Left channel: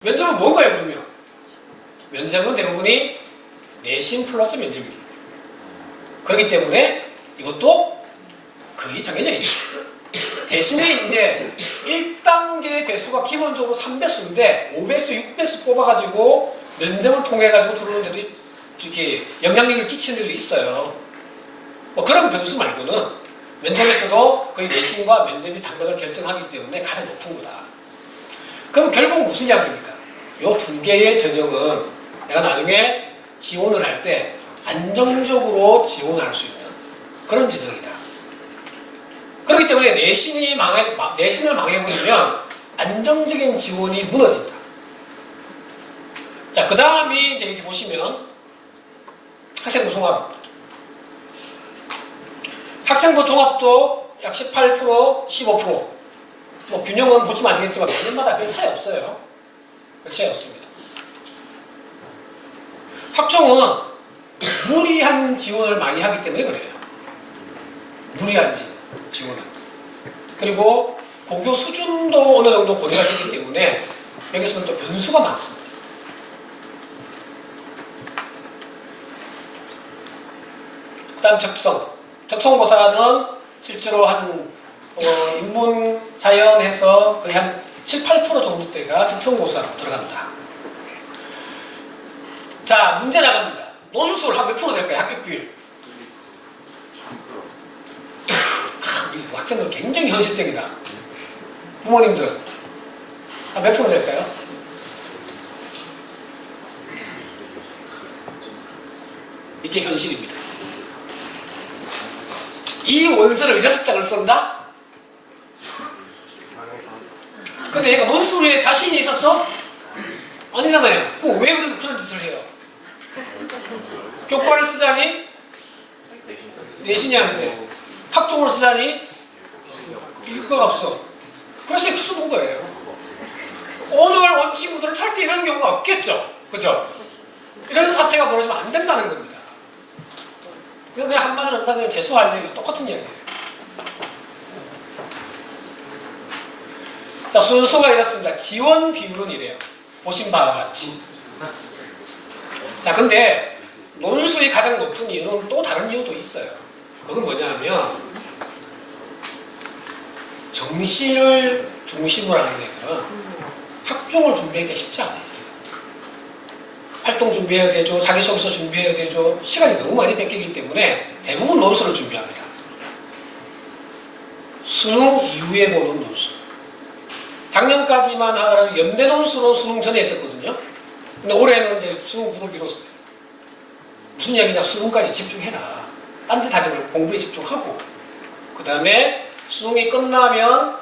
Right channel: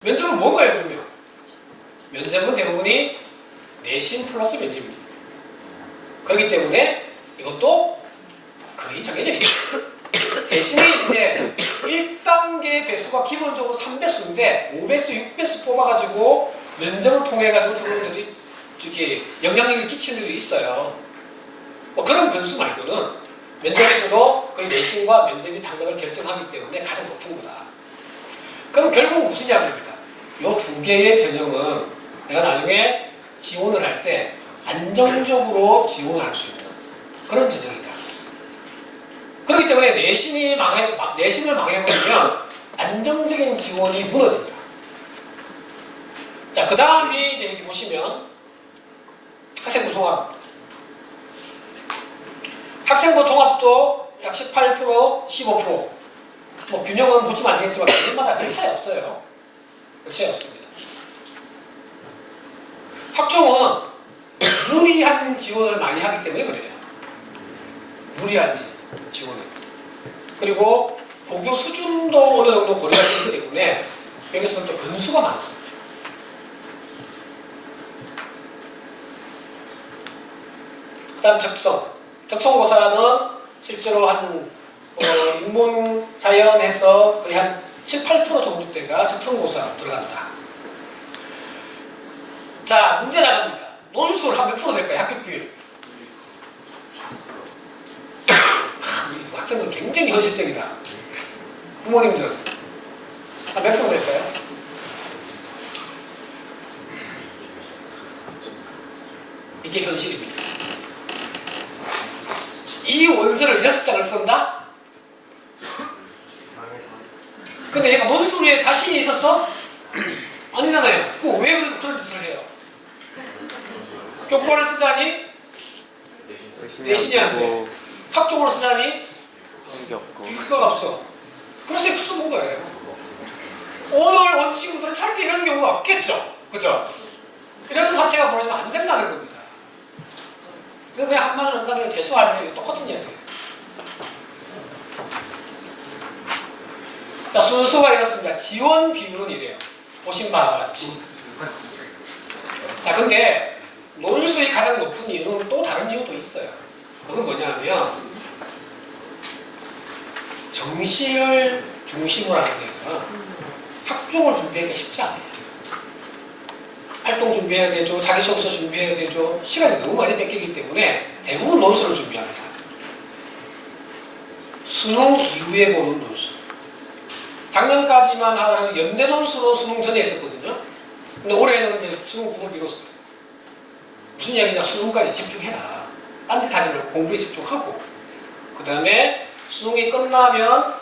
면접은 뭔가요, 그러면? 면접은 대부분이 내신 플러스 면접입니다. 그렇기 때문에 이것도 거의 정해져 있죠. 대신에 이제 1단계 배수가 기본적으로 3배수인데 5배수, 6배수 뽑아가지고 면접을 통해가지고 들어오는 데도 저기 영향력을 끼치는 데도 있어요. 뭐 그런 변수 말고는 면접에서도 거의 내신과 면접이 당락을 결정하기 때문에 가장 높은 거다. 그럼 결국은 무슨 이야기입니까? 이 두 개의 전형은 내가 나중에 지원을 할 때 안정적으로 지원할 수 있는 그런 전형이다. 그렇기 때문에 내신을 망해버리면 안정적인 지원이 무너진다. 자, 그 다음에 이제 여기 보시면 학생부 종합. 학생부 종합도 약 18%, 15%. 뭐 균형은 보시면 아시겠지만 그들마다 별 차이 없어요. 별 차이 없습니다. 학종은 무리한 지원을 많이 하기 때문에 그래요. 무리한 지원을. 그리고 복교 수준도 어느 정도 고려가 되기 때문에 여기서는 또 변수가 많습니다. 그 다음 적성고사는 실제로 한 인문 자연에서 거의 한 7, 8% 정도 때가 적성고사로 들어갑니다. 자, 문제 나갑니다. 논술 한 몇 프로 될까요? 합격비율. 학생들 굉장히 현실적이다. 부모님들은 한 몇 프로 될까요? 이게 현실입니다. 이 원서를 6장을 쓴다? 근데 얘가 논술에 자신이 있어서? 아니잖아요. 왜 그런 짓을 해요? 교과를 쓰자니? 내신이 안 돼. 학종으로 쓰자니? 이거가 없어. 그래서 이렇게 쓰는 거예요. 오늘 온 친구들은 절대 이런 경우가 없겠죠? 그죠? 이런 사태가 벌어지면 안 된다는 겁니다. 그냥 한마디로 한다면 재수할 때 똑같은 이야기예요. 자, 순서가 이렇습니다. 지원 비율은 이래요. 보신 바와 같이. 자, 근데 논술이 가장 높은 이유는 또 다른 이유도 있어요. 그건 뭐냐면 정시를 중심으로 하는 데는 학종을 준비하기 쉽지 않아요. 활동 준비해야 되죠. 자기소개서 준비해야 되죠. 시간이 너무 많이 뺏기기 때문에 대부분 논술을 준비합니다. 수능 이후에 보는 논술. 작년까지만 하더라도 연대 논술은 수능 전에 했었거든요. 근데 올해는 이제 수능 부를 미뤘어요. 무슨 얘기냐? 수능까지 집중해라. 딴 짓 하지 말고 공부에 집중하고. 그 다음에 수능이 끝나면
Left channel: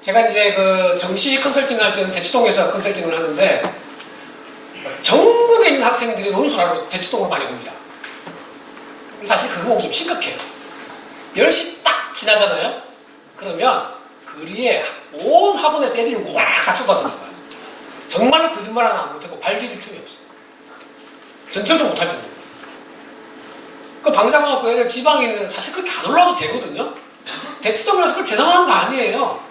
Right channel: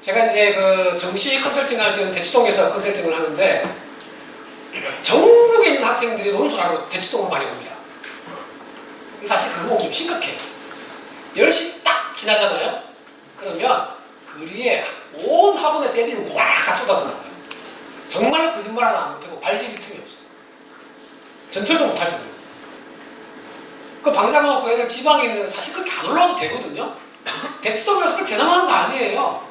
제가 이제 그 정시 컨설팅 할 때는 대치동에서 컨설팅을 하는데 전국에 있는 학생들이 논술하러 대치동을 많이 옵니다. 사실 그거 보면 좀 심각해요. 10시 딱 지나잖아요? 그러면 거리에 온 학원에서 애들이 와 쏟아져요. 정말로 거짓말 하나 안 못하고 발 디딜 틈이 없어요. 전철도 못할 정도로. 그 방장을 놓고 애들 지방에 있는 사실 그렇게 안 올라와도 되거든요? 대치동에서 그렇게 대단한 거 아니에요.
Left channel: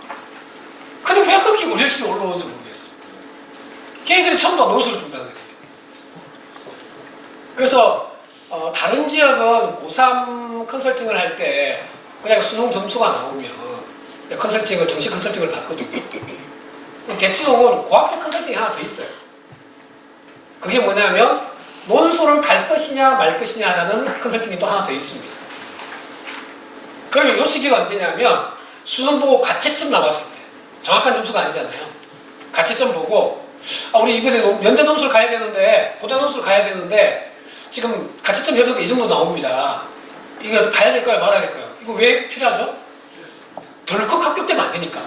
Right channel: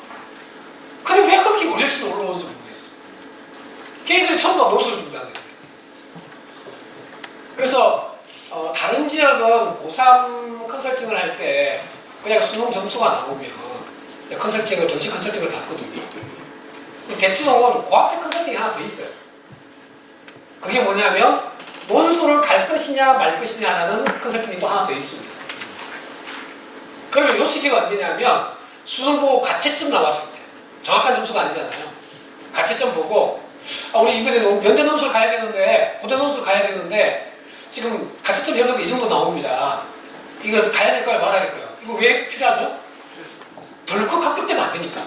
근데 왜 그렇게 월요일치로 올라오는지 모르겠어요. 걔들이 처음부터 논술을 준비하는 거예요. 그래서 다른 지역은 고3 컨설팅을 할 때 그냥 수능 점수가 나오면 컨설팅을 정시 컨설팅을 받거든요. 대치동은 고학교 컨설팅이 하나 더 있어요. 그게 뭐냐면 논술을 갈 것이냐 말 것이냐 하는 컨설팅이 또 하나 더 있습니다. 그러면 이 시기가 언제냐면 수능 보고 가채점 나왔을 때 정확한 점수가 아니잖아요. 가채점 보고 우리 이번에 연대 논술 가야 되는데 고대 논술 가야 되는데 지금 가채점 해보니까 이 정도 나옵니다. 이거 가야 될까요? 말아야 될까요? 이거 왜 필요하죠? 덜컥 합격되면 안 되니까.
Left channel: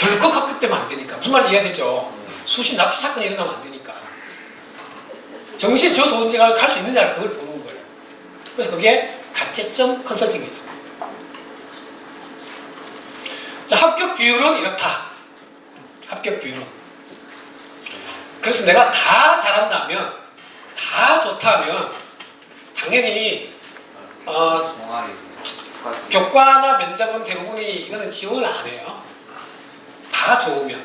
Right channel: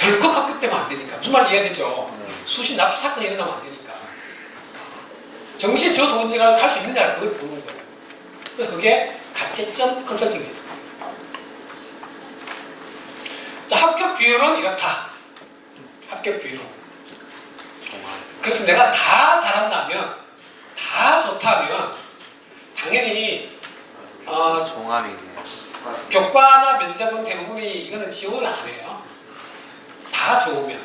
덜컥 합격되면 안 되니까. 무슨 말인지 이해되죠? 수시 납치 사건이 일어나면 안 되니까. 정시 저 돈제가 갈 수 있느냐 그걸 보는 거예요. 그래서 그게 가채점 컨설팅이 있습니다. 자, 합격 비율은 이렇다. 합격 비율은. 그래서 내가 다 잘한다면, 다 좋다면, 당연히, 교과나 면접은 대부분이 이거는 지원을 안 해요. 다 좋으면.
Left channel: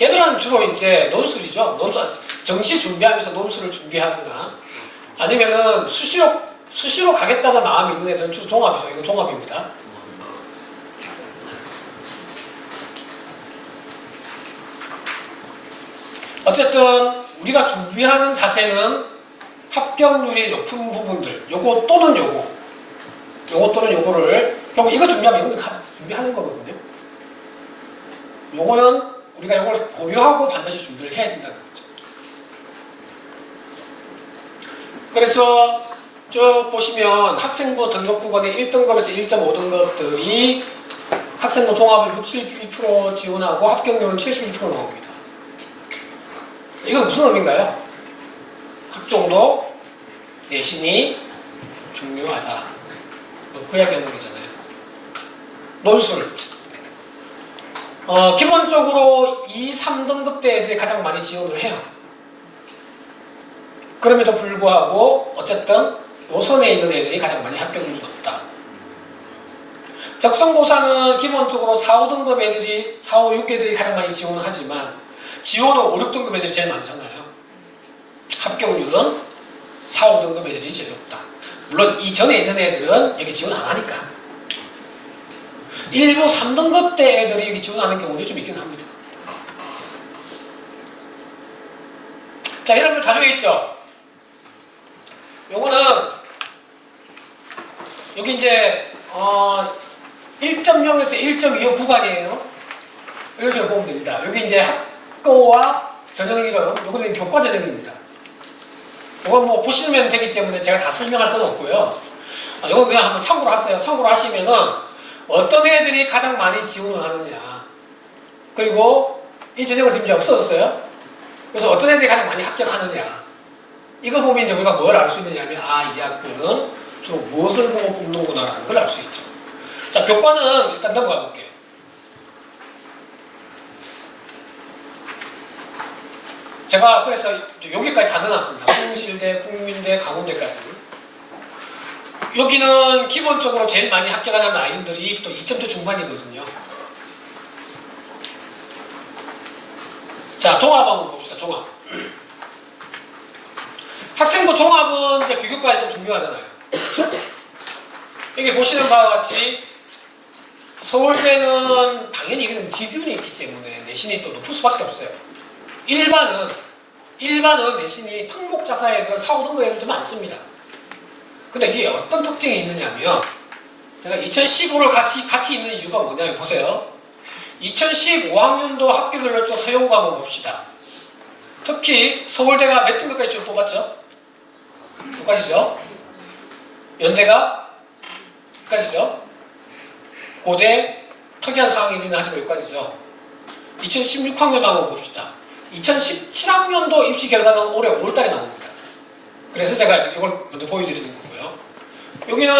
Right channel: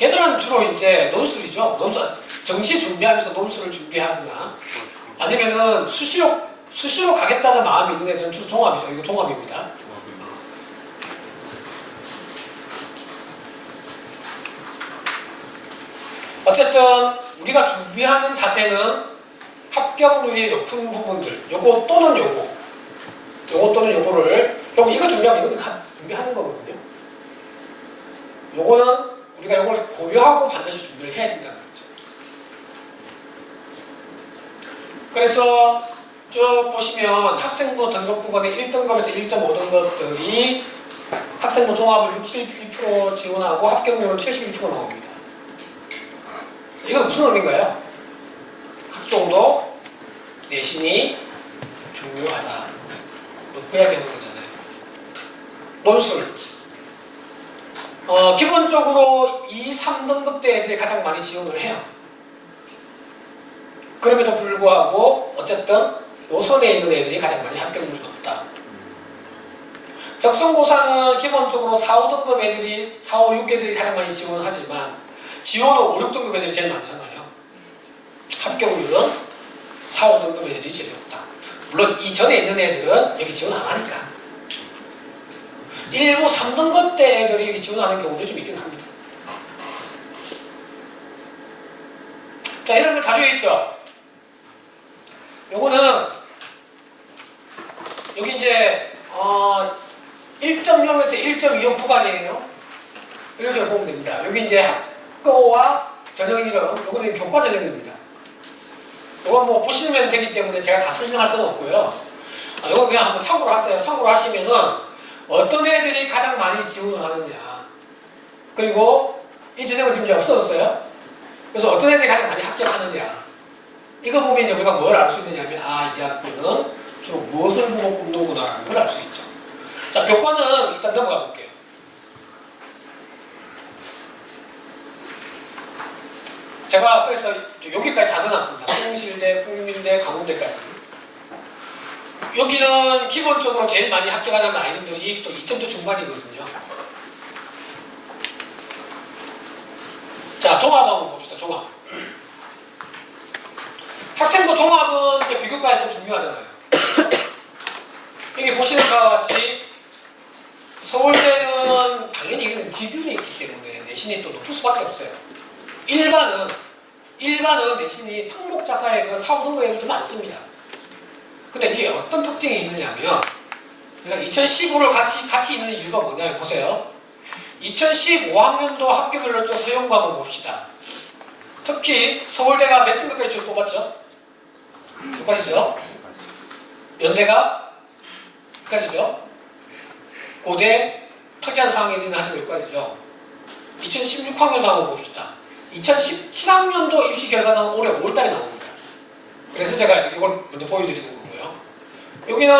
걔들은 주로 이제 논술이죠. 논술, 정시 준비하면서 논술을 준비하거나 아니면은 수시로 가겠다는 마음이 있는 애들은 주로 종합이죠. 이거 종합입니다. 어쨌든 우리가 준비하는 자세는 합격률이 높은 부분들, 요거 또는 요거 또는 요거를 결국 이거 준비하면 이거는 준비하는 거거든요. 요거는 우리가 요걸 고려하고 반드시 준비를 해야 된다는 거죠. 그래서 쭉 보시면 학생부 등록부관의 1등급에서 1.5등급들이 학생부 종합을 61% 지원하고 합격률은 71% 나옵니다. 이건 무슨 의미인가요? 학종도 내신이 중요하다. 그 이야기하는 거잖아요. 논술. 기본적으로 2, 3등급 대 애들이 가장 많이 지원을 해요. 그럼에도 불구하고 어쨌든 노선에 있는 애들이 가장 많이 합격률이 높다. 적성고사는 기본적으로 4, 5등급 애들이 4, 5, 6 애들이 가장 많이 지원하지만 지원은 5, 6등급 애들이 제일 많잖아요. 합격률은 4, 5등급 애들이 제일 높다. 물론 이전에 있는 애들은 여기 지원 안 하니까. 일부 3등급 대 애들이 여기 지원하는 경우도 좀 있긴 합니다. 자, 이런 걸 자료에 있죠? 요거는 여기 이제 1.0에서 1.25 구간이에요. 이런 식으로 보면 됩니다. 여기 이제 학교와 전형 이름, 요거는 교과 전형입니다. 이건 뭐 보시면 되기 때문에 제가 다 설명할 건 없고요. 이건 그냥 한번 참고로 하세요. 참고로 하시면은 어떤 애들이 가장 많이 지원을 하느냐. 그리고 이 전형은 지금 이제 없어졌어요. 그래서 어떤 애들이 가장 많이 합격하느냐. 이거 보면 이제 우리가 뭘 알 수 있느냐면, 이 학교는 주로 무엇을 보고 뽑는구나라는 걸 알 수 있죠. 자, 교과는 일단 넘어가 볼게요. 제가 그래서 여기까지 다 넣어놨습니다. 성실대, 국민대, 강원대까지. 여기는 기본적으로 제일 많이 합격하는 라인들이 또 2점대 중반이거든요. 자, 종합 한번 봅시다. 종합. 학생부 종합은 이제 비교과할 때 중요하잖아요. 여기 보시는 바와 같이 서울대는 당연히 이건 지분이 있기 때문에 내신이 또 높을 수밖에 없어요. 일반은 내신이 특목자사에 그 4, 5등급 애들도 많습니다. 근데 이게 어떤 특징이 있느냐면 제가 2015를 같이 있는 이유가 뭐냐 보세요. 2015학년도 학교별로 좀 서용과 한번 봅시다. 특히 서울대가 몇 등급까지 쭉 뽑았죠? 6까지죠? 연대가 6까지죠? 고대 특이한 상황이 있는 아직 6까지죠? 2016학년도 한번 봅시다. 2017학년도 입시 결과는 올해 5월달에 나옵니다. 그래서 제가 이걸 먼저 보여드리는 거고요. 여기는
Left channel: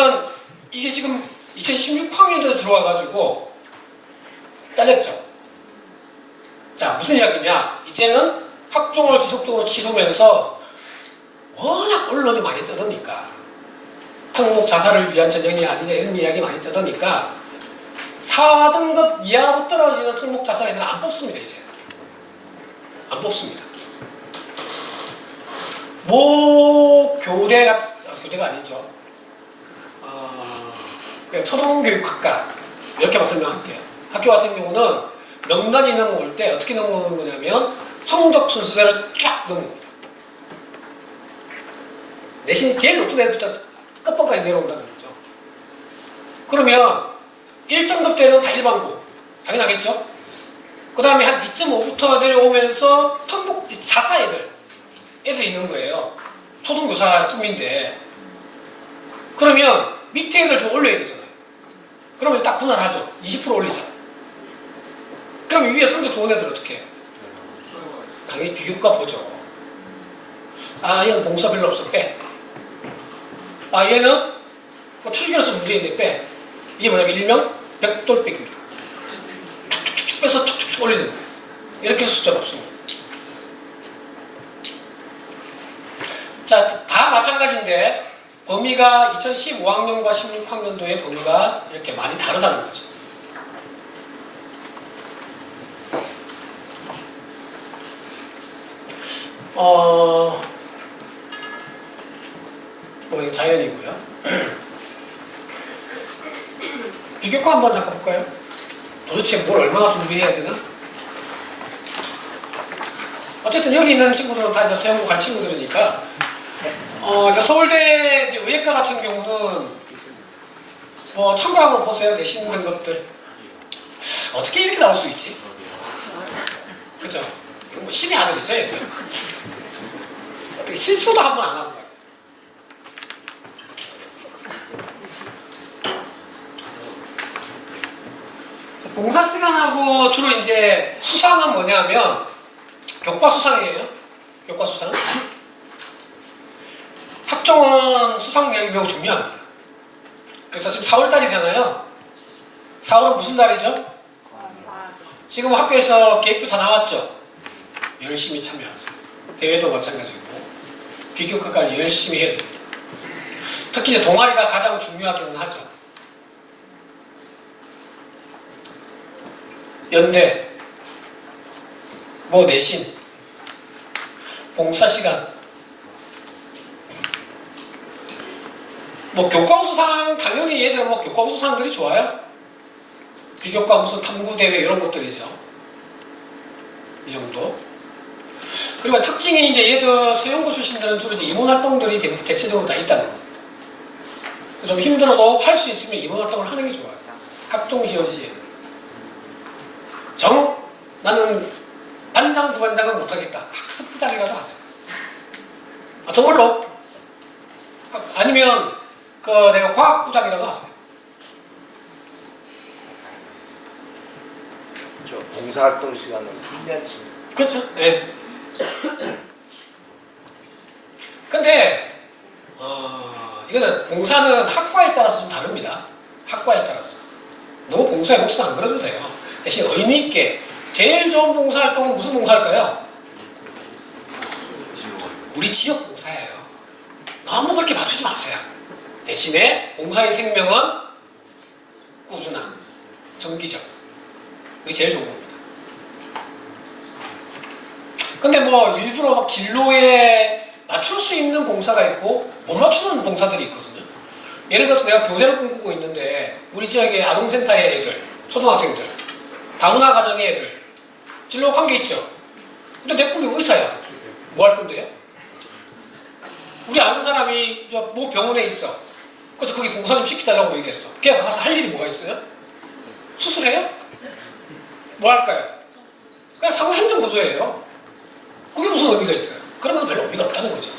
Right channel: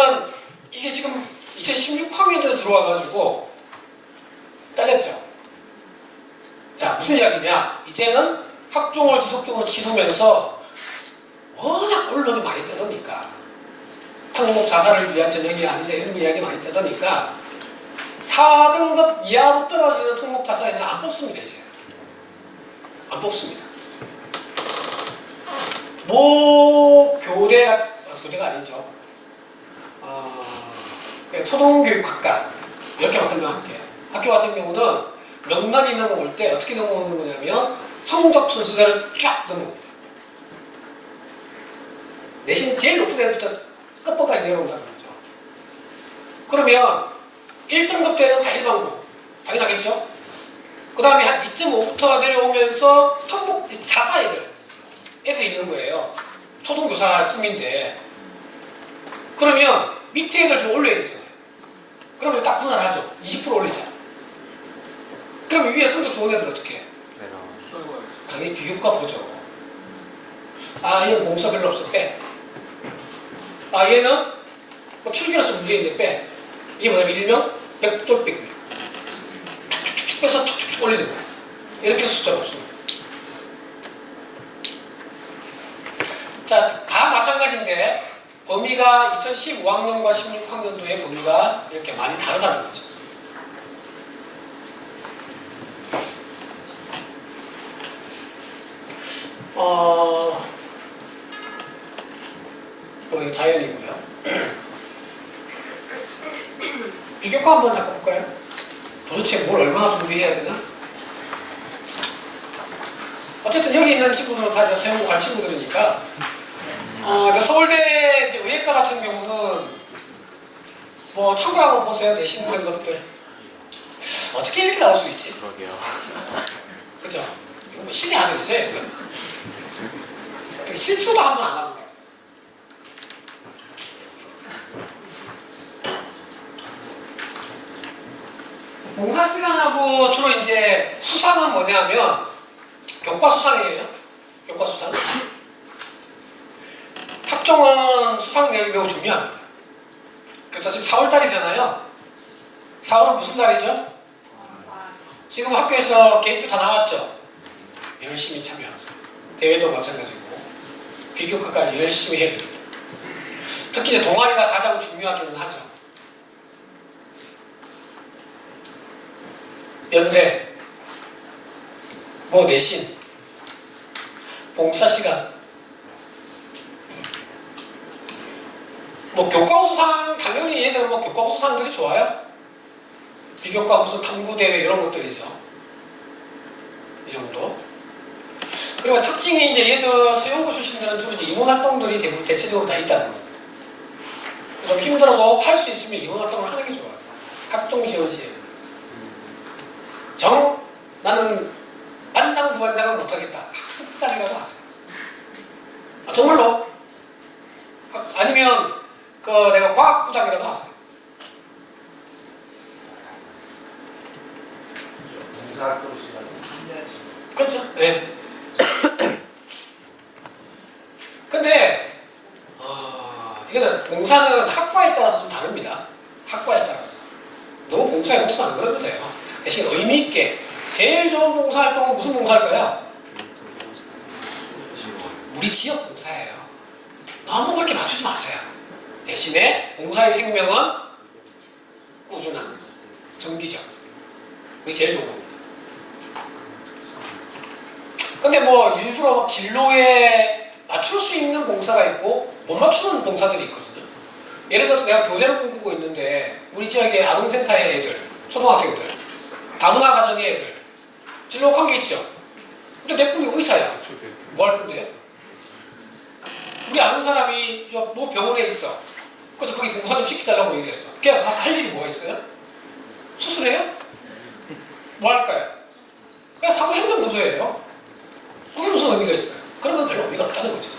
이게 지금 2016학년도에 들어와가지고 딸렸죠. 자, 무슨 이야기냐? 이제는 학종을 지속적으로 치르면서 워낙 언론이 많이 떠드니까 특목 자사를 위한 전형이 아니냐 이런 이야기 많이 떠드니까 4등급 이하로 떨어지는 특목 자사 애들은 안 뽑습니다. 이제 안 뽑습니다. 교대가 아니죠. 초등교육학과 이렇게 설명할게요. 학교 같은 경우는 명단이 넘어올 때 어떻게 넘어오는 거냐면 성적 순서대로 쫙 넘어옵니다. 내신 제일 높은 애부터 끝번까지 내려온다는 거죠. 그러면 1등급 때는 다 일반고 당연하겠죠. 그 다음에 한 2.5부터 내려오면서 특목 자사 애들이 있는 거예요. 초등교사 팀인데 그러면 밑에 애들 좀 올려야 되잖아요. 그러면 딱 분할하죠. 20% 올리죠. 그럼 위에 성적 좋은 애들 어떻게 해요? 당연히 비교과 보죠. 얘는 봉사 별로 없어 빼. 얘는 뭐 출결해서 문제인데 빼. 이게 뭐냐면 일명 백돌빼기입니다. 툭툭툭 빼서 툭툭툭 올리는 거예요. 이렇게 해서 숫자가 없습니다. 자, 다 마찬가지인데 범위가 2015학년과 16학년도의 범위가 이렇게 많이 다르다는 거죠. 뭐 이거 자연이고요. 비교과 한번 잠깐 볼까요? 도대체 뭘 얼마나 준비해야 되나? 어쨌든 여기 있는 친구들은 다 서영고 간 친구들이니까 서울대 이제 의예과 같은 경우는 뭐 참고라고 보세요. 내신 그런 것들 어떻게 이렇게 나올 수 있지? 그죠? 뭐 신이 아니죠. 실수도 한 번 안 하고. 봉사 시간하고 주로 이제 수상은 뭐냐면 교과 수상이에요. 교과 수상. 학종은 수상력이 매우 중요합니다. 그래서 지금 4월달이잖아요. 4월은 무슨 달이죠? 지금 학교에서 계획도 다 나왔죠. 열심히 참여하세요. 대회도 마찬가지고 비교과 관리 열심히 해야 됩니다. 특히 이제 동아리가 가장 중요하기는 하죠. 연대, 뭐 내신, 봉사시간, 뭐 교과 수상 당연히 얘들은 뭐 교과 수상들이 좋아요. 비교과 무슨 탐구대회 이런 것들이죠. 이 정도. 그리고 특징이 이제 얘들 서영고 출신들은 주로 이제 임원활동들이 대체적으로 다 있다는 거예요. 좀 힘들어도 할 수 있으면 임원활동을 하는 게 좋아요. 학종 지원 시에. 나는 반장, 부반장은 못하겠다. 학습부장이라도 하세요. 정말로. 아니면 내가 과학부장이라도 하세요. 봉사활동 시간은 3년치. 그렇죠. 네. 근데 이거는 봉사는 학과에 따라서 좀 다릅니다. 학과에 따라서. 너무 봉사에 목숨 안 걸어도 돼요. 대신 의미 있게 제일 좋은 봉사활동은 무슨 봉사일까요? 우리 지역 봉사예요. 너무 그렇게 맞추지 마세요. 대신에 봉사의 생명은 꾸준함, 정기적. 그게 제일 좋은 겁니다. 근데 뭐 일부러 막 진로에 맞출 수 있는 봉사가 있고 못 맞추는 봉사들이 있거든요. 예를 들어서 내가 교대를 꿈꾸고 있는데 우리 지역의 아동센터의 애들, 초등학생들, 다문화 가정의 애들 진로 관계 있죠. 근데 내 꿈이 의사야. 뭐 할 건데요? 우리 아는 사람이 뭐 병원에 있어. 그래서 거기 봉사 좀 시켜달라고 얘기했어. 걔가 가서 할 일이 뭐가 있어요? 수술해요? 뭐 할까요? 그냥 사고 행정 보조예요. 그게 무슨 의미가 있어요? 그런 건 별로 의미가 없다는 거죠.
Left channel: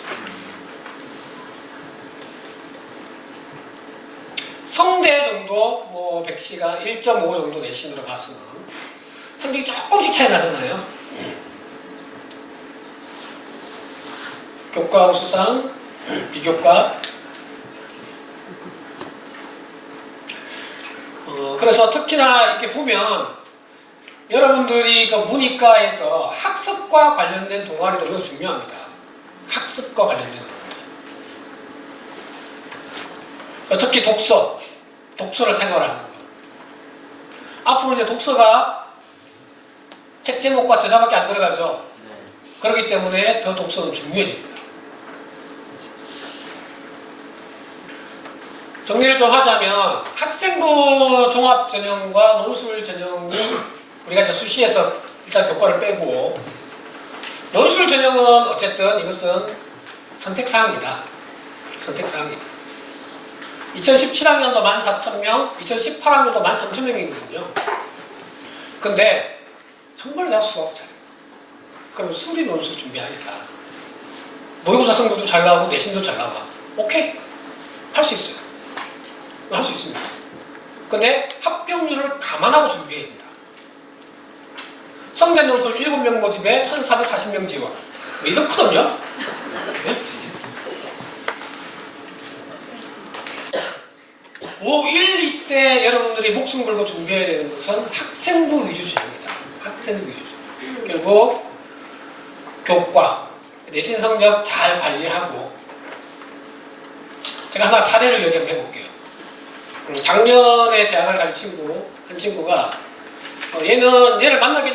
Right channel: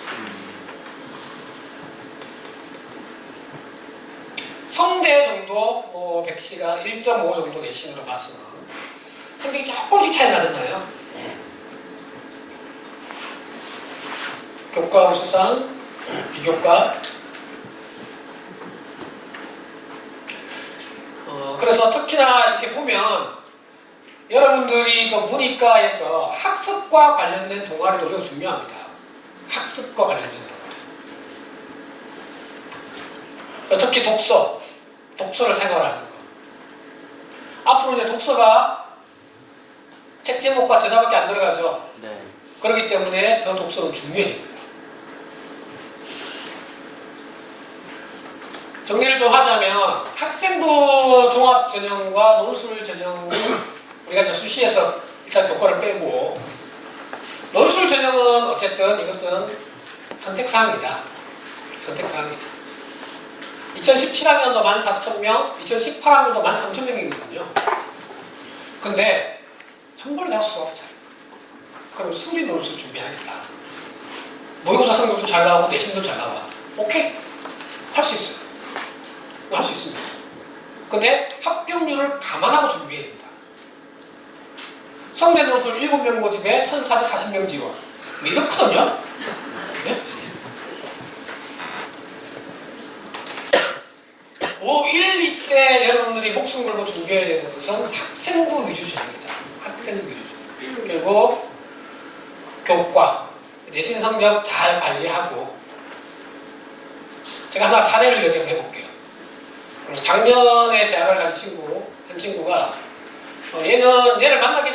성대 정도, 뭐 100시간 1.5 정도 내신으로 봤으면 성적이 조금씩 차이 나잖아요. 교과 수상, 비교과. 그래서 특히나 이렇게 보면 여러분들이 그 문이과에서 학습과 관련된 동아리도 매우 중요합니다. 학습과 관련된 동아리. 특히 독서를 생활하는 거. 앞으로 이제 독서가 책 제목과 저자밖에 안 들어가죠. 네. 그렇기 때문에 더 독서는 중요해집니다. 정리를 좀 하자면 학생부 종합전형과 논술 전형은 우리가 이제 수시에서 일단 교과를 빼고 논술 전형은 어쨌든 이것은 선택사항이다. 선택사항이다. 2017학년도 14,000명, 2018학년도 13,000명이거든요. 근데 정말 내가 수업자. 그럼 수리 논술 준비하니까 모의고사 성적도 잘 나오고 내신도 잘 나와. 오케이. 할 수 있어요. 할 수 있습니다. 근데 합격률을 감안하고 준비해야 됩니다. 성대 논술 7명 모집에 1,440명 지원. 이거 크거든요? 네? 5, 1, 2때 여러분들이 목숨 걸고 준비해야 되는 것은 학생부 위주입니다. 학생부 위주. 그리고 교과, 내신 성적 잘 관리하고 제가 하나 사례를 얘기해 볼게요. 작년에 대학을 간 한 친구가 얘를 만나게